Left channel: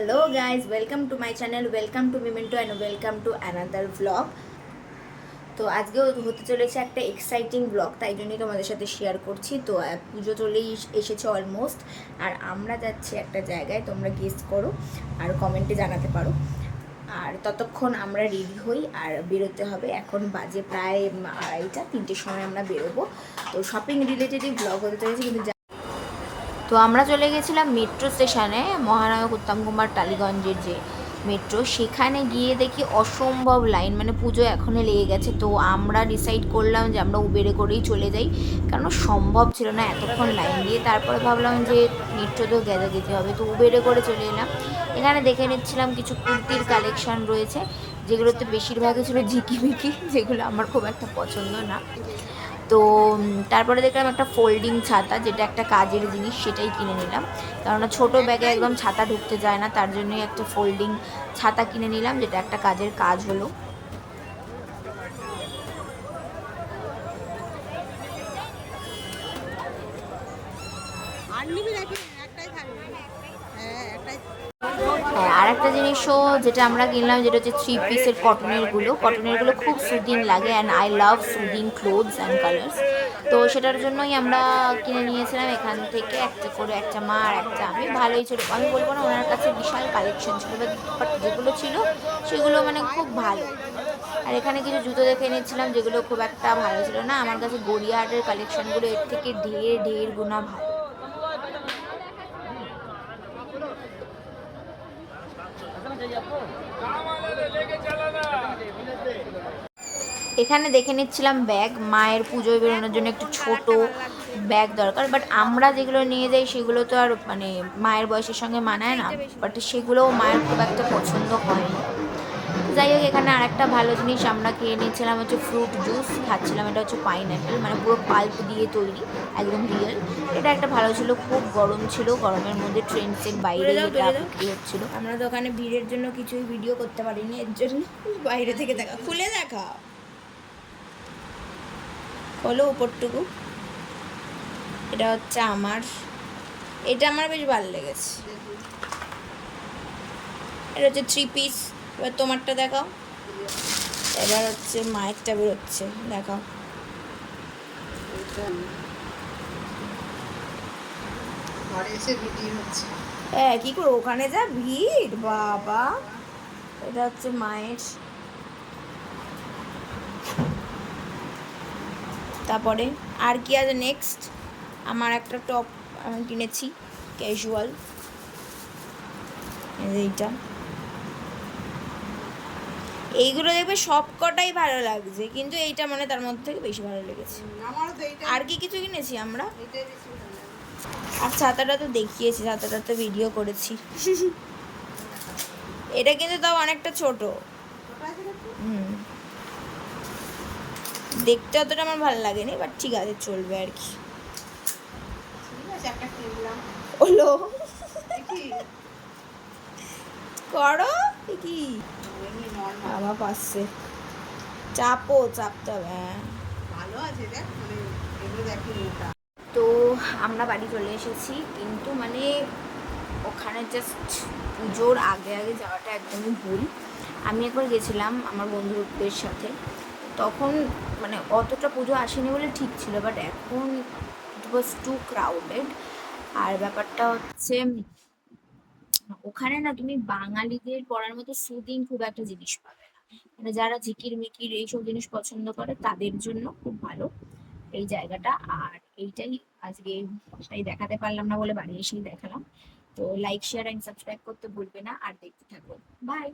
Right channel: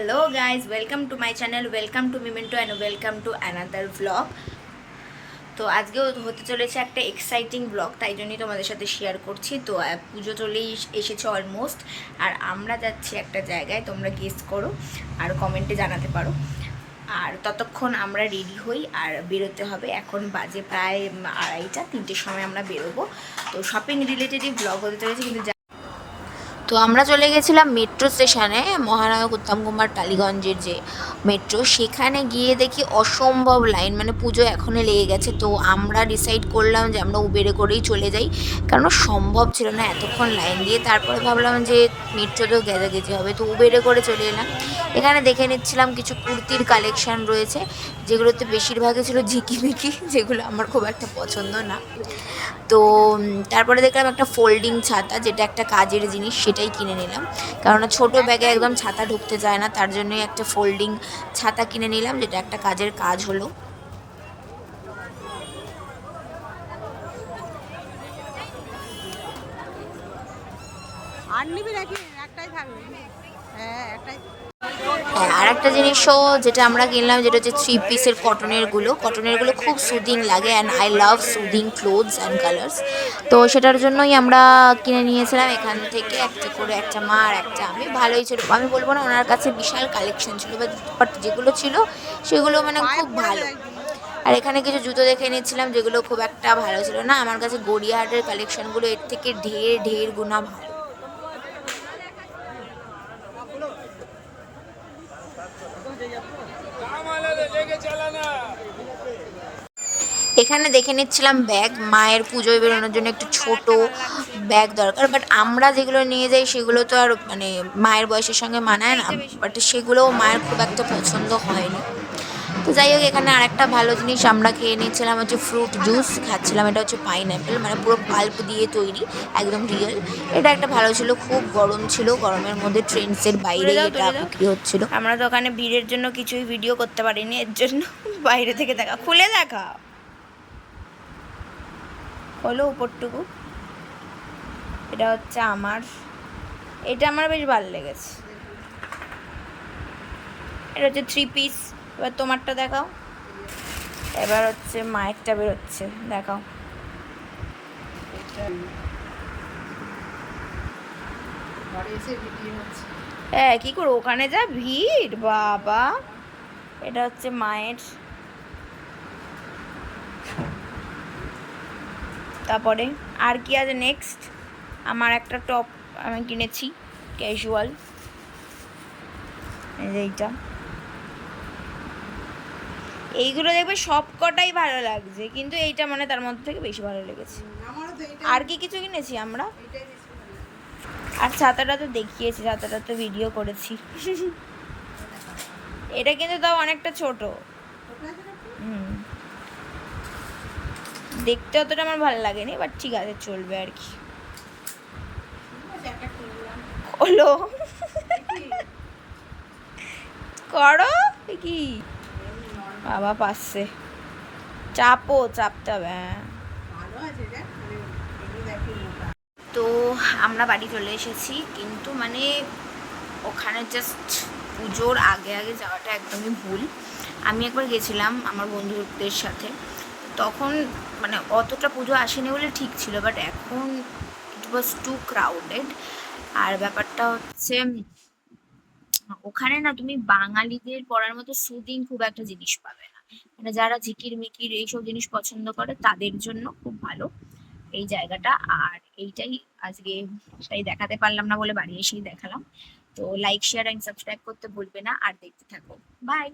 Hello guys welcome to my channel welcome to memento and welcome to another blog তো আজকেও হতে চলেছে একটা এক্সাইটিং ব্লগ তাই জন্যই তোমাদের সাথে শেয়ার করছি। তো পুজো চলেই এসেছে অলমোস্ট আর আমরা যাচ্ছি একটা জায়গায়, তোমরা গেস করো আর কমেন্টে জানাতে পারো। আর ততক্ষণ আমরা রেডি হই আর বেরোতে হবে। এখন বাজে প্রায় আড়াইটা, তিনটের সময় আমরা বেরোবো। তো শপিং রিলেটেডই ব্লগ হতে চলেছে, কিন্তু তো আমরা চলে গেছিলাম মেট্রো স্টেশনে মহানায়ক উত্তম কুমার টালিগঞ্জের যে মেট্রো সেখানে গিয়ে দেখি অসম্ভব লাইন মানে পুজো এখনই লেগে গেছে। তো আমরা ডিসাইড করলাম যে আমরা উবেরে করেই চলে যাই, কারণ সম্ভব ছিল না এতক্ষণ লাইন দিয়ে। তারপরে ভাবলাম যে মেট্রোতেও গেজাগেজি হবে, তো উবেরে করে চলে এলাম। এখানে দেখে নিচ্ছিলাম কিছু কুর্তির কালেকশন রয়েছে। যেগুলোতে বেশিরভাগই ছিল ঝিকিমিকি যেগুলো আমার খুব একটা পছন্দ না। তো তারপরে দেখলাম একটা ফোল্ডিং ছাতা, যেটা একটা কাজের জিনিস, সেটাই কিনে নিলাম। কারণ ছোট ব্যাগে একদম ছাতা ঢুকতে যায় না, তার জন্যই একটা ফোল্ডিং ছাতা কিনে নিলাম, যেটা একটা কাজের কাজ হলো। আর নিবি নাকি? একটাই থাকবে। হ্যাঁ একটাই। হ্যাঁ আর একটা জিনিসও যেটা আমরা কিনলাম, যেটা হচ্ছে থ্রি পিসের কটনেরগুলো কটনেরগুলো খুব সুদিং লাগে and I love soothing clothes and colours তো সেটার জন্যই আমরা কিনে নিয়েছিলাম এখান থেকে একটা করে, একটা মা আর একটা আমি। ভালোই ছিল। আমি বলব না ওনার কাছে বিশাল কালেকশন ছিল বাট যেগুলো ছিল, সেগুলো মানে খুব ভালো। আর এখানে কিছু জুতো দেখে নিয়েছিলাম, যেগুলো খুব একটা ভালো ছিল না। আমার কাছে গড়িয়াহাটের কালেকশনগুলো এর থেকে ঢের ঢের গুণা ভালো। এখানে দেখে নিচ্ছিলাম ব্যাগ, মায়ের পুজোয় বেরোনোর জন্য একটু ছোট ব্যাগ দরকার বাট আমরা যেগুলো নিয়ে যাই সেগুলো তো আর মানে মায়ের বয়সের সঙ্গে মানায় না বাট সেগুলোও মায়ের খুব একটা পছন্দ হয়নি। তো যাই হোক এখানে আরেকটা ভালো জিনিস আমরা খেয়ে নিয়েছিলাম হচ্ছে ফ্রুট জুস খাচ্ছিলাম এটা হচ্ছে পাইনঅ্যাপেল মানে পুরো পাল্প দিয়ে তৈরি একদম রিয়েল এটা একটা ভালো ছিল খুব গরম ছিল গরমের মধ্যে ট্রেন্ডসের বাইরে এটা বিক্রি হচ্ছিল। আমরা তো ওখানে ভিড়ের জন্য কিছুই ভিডিও করতে পারিনি এর জন্য বাইরে থেকে দেখা। খুলে দেখা। হলো উপরটুকু। এটা হচ্ছে আমার। এটা আমার বেশ ভালো লেগেছে। এটা হচ্ছে থ্রি পিস এবার তোমারটা দেখাও। এবার হচ্ছে মায়েরটা বেরোচ্ছে দেখাও। ঘরে এসে হচ্ছে। হ্যাঁ কী করো ওখানে যা ভিড় বাবা। এটা হচ্ছে মায়ের। তারপরে আর কি আছে নেক্সট আমার একটা টপ আমি কিনেছি ক্যাজুয়াল এইটা। এইগুলো দেখবে সব কটাই ভালো লাগছে কিন্তু এইটা মানে তার মধ্যে থেকে বেশি ভালো লেগেছে। আর কি কিছু কিনেছি আমরা? আর ছাতাটা তো দেখিয়েছি ছাতাটা তো ভিডিও করেছি। এটা কিন্তু তাও অনেকটা ছোট? হুম। দেখতে অতটা আমার ভালো লাগেনি বাট ঠিক আছে চলবে আর কি। হলো? করো কি। বাবা পাচ্ছে চাপো চাপতে হবে হ্যাঁ। ভালো আছে দেখ মানে তো আমরা বাড়ি চলে এসেছি কিন্তু মানে ওখানে জাস্ট পুজোর আগে আগে যাওয়াটা একদমই ভুল। আমি একবার গেছিলাম আমার বন্ধুদের সাথে। তখন মানে অতটা পুজো আসেনি বলে ঠিক ছিল বাট এখন ইট ওয়াজ টু ক্রাউডেড আর ব্যাপারটা হচ্ছে ওখানে না তুমি বাঙালিদের পড়ার মতো সুদিন খুব একটা জিনিস পাবে না। মানে যারা ঝিকির মিকির এইসব জিনিস পছন্দ করে, তাদের জন্য খুব ভালো এই জায়গাটা। আর এইটাই আজকে তাই দেখাতে পারলাম না বলে বাড়ি এসেই দেখালাম। তো লাইক শেয়ার অ্যান্ড সাবস্ক্রাইব করতে ভুলবে না। আর দেখতে থাকো। বাই